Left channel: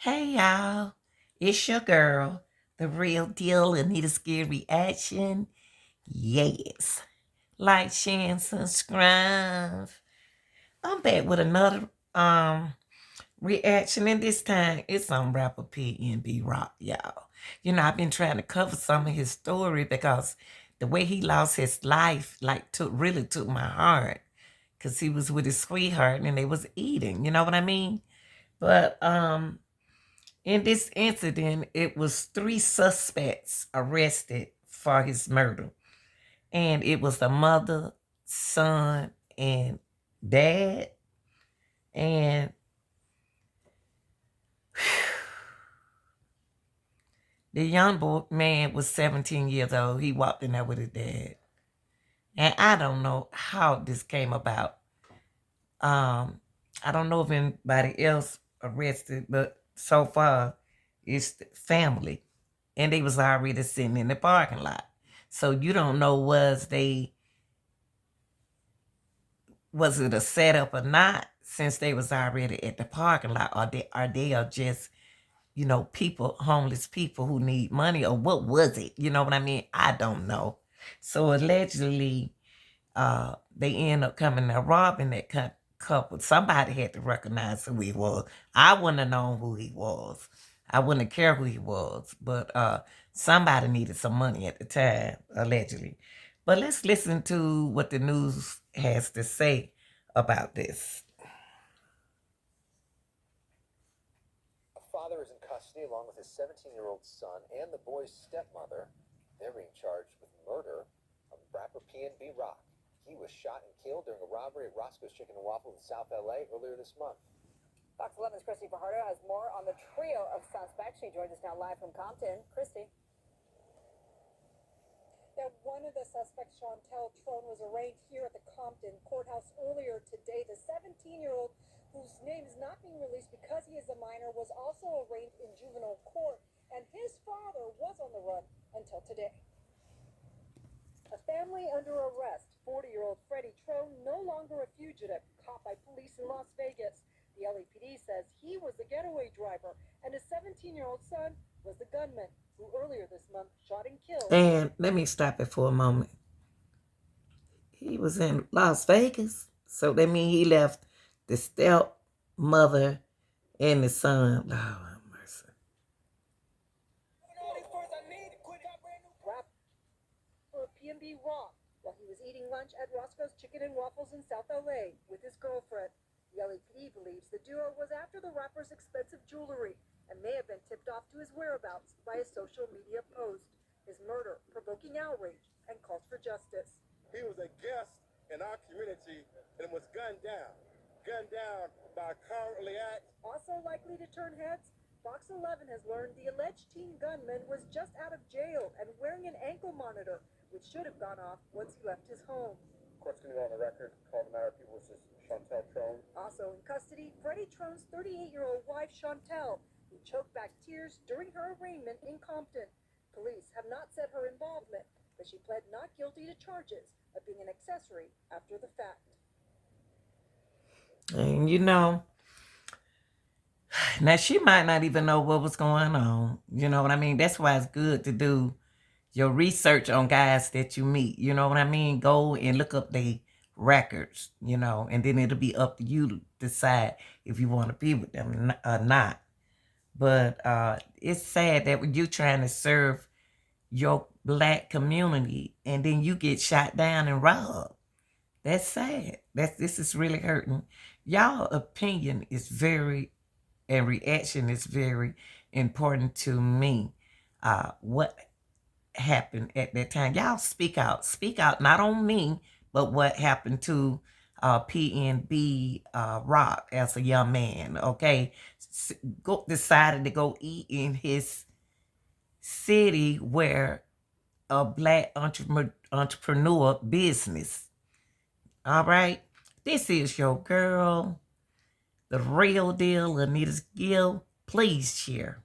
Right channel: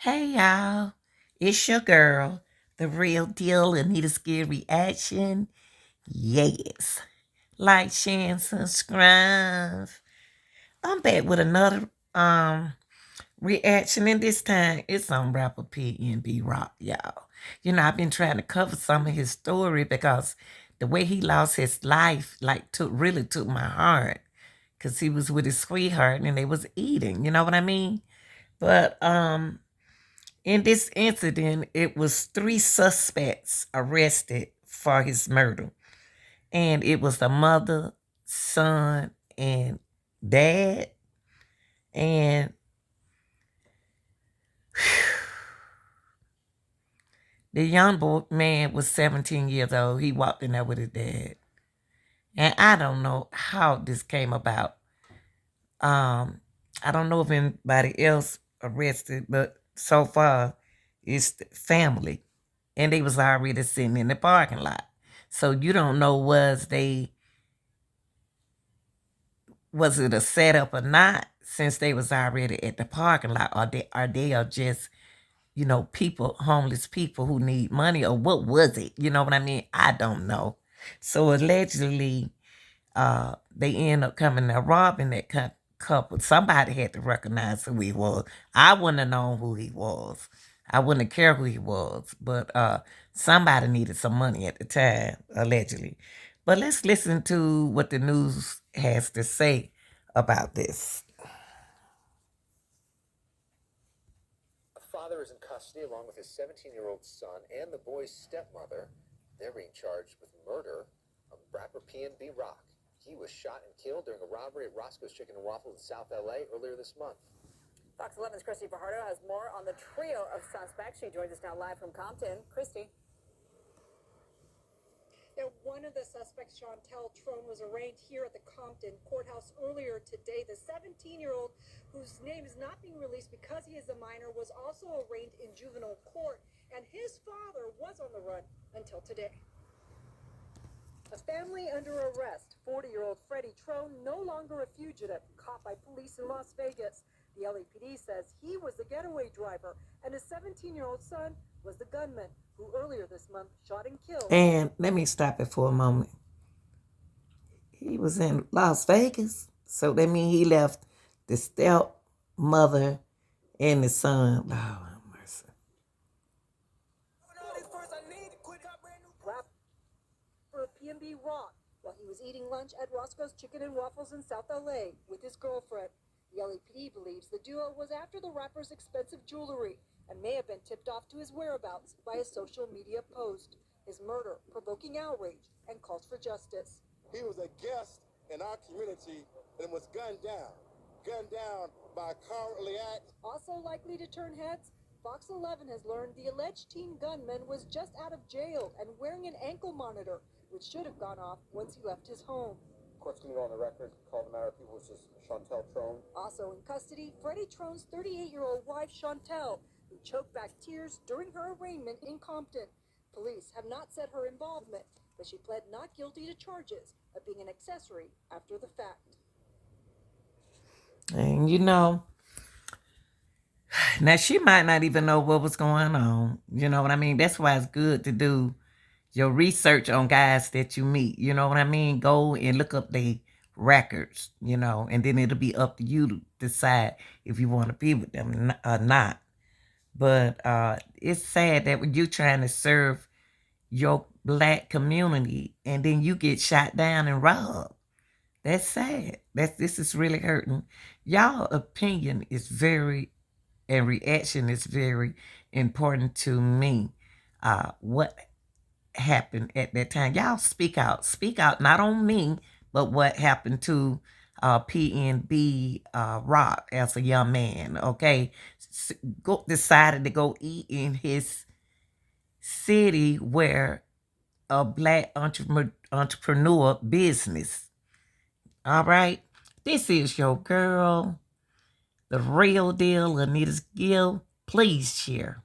Hey y'all, it's your girl, the real deal, Anita Scare Reaction. Yes, like, share, and subscribe. I'm back with another reaction, and this time it's on rapper PNB Rock, y'all. You know, I've been trying to cover some of his story because the way he lost his life, like, took my heart, cause he was with his sweetheart and they was eating. You know what I mean? But in this incident, it was three suspects arrested for his murder. And it was the mother, son, and dad. And the young boy man was 17 years old. He walked in there with his dad. And I don't know how this came about. I don't know if anybody else arrested, but so far it's the family. And they was already sitting in the parking lot. So you don't know was it a setup or not, since they was already at the parking lot, or they are just, people, homeless people who need money, or what was it? You know what I mean? I don't know. So allegedly, they end up coming and robbing that couple. Somebody had to recognize who he was. I wouldn't have known who he was. I wouldn't have cared who he was. But somebody needed some money at the time, allegedly. But let's listen to what the news has to say about this. A father is in custody along with his 17-year-old son and the boy's stepmother. They're being charged with murder of rapper PNB Rock. He was shot and killed during a robbery at Roscoe's Chicken and Waffles in South LA earlier this month. Fox 11's Christy Fajardo has more on the trio of suspects. She joins us now live from Compton. Christy. Now, one of the suspects, Chantel Trone, was arraigned here at the Compton courthouse earlier today. The 17-year-old, whose name is not being released because he is a minor, was also arraigned in juvenile court, and his father was on the run until today. A family under arrest. 40-year-old Freddie Trone, no longer a fugitive, caught by police in Las Vegas. The LAPD says he was the getaway driver, and his 17-year-old son was the gunman who earlier this month shot and killed. And let me stop it for a moment. He was in Las Vegas, so that means he left the stepmother and the son. Oh, have mercy. For PNB Rock while he was eating lunch at Roscoe's Chicken and Waffles in South LA with his girlfriend. The LAPD believes the duo was after the rapper's expensive jewelry and may have been tipped off to his whereabouts by a social media post. His murder provoking outrage and calls for justice. He was a guest in our community and was gunned down by a cowardly act. Also likely to turn heads, Fox 11 has learned the alleged teen gunman was just out of jail and wearing an ankle monitor, which should have gone off once he left his home. Court's going to go on the record, call the matter of people, which is Chantel Trone. Also in custody, Freddie Trone's 38-year-old wife, Chantel, who choked back tears during her arraignment in Compton. Police have not said her involvement, but she pled not guilty to charges of being an accessory after the fact. And now she might not even know what was going on. You know what I mean? That's why it's good to do your research on guys that you meet. You know what I mean? Go and look up their records, and then it'll be up to you to decide if you want to be with them or not. But it's sad that when you're trying to serve your black community and then you get shot down and robbed. That's sad. This is really hurting. Y'all opinion is and reaction is very important to me. What happened at that time? Y'all speak out. Speak out, not on me, but what happened to PNB Rock as a young man, okay? Decided to go eat in his city where a black entrepreneur business. All right? This is your girl, the real deal, Anita Gill. Please share.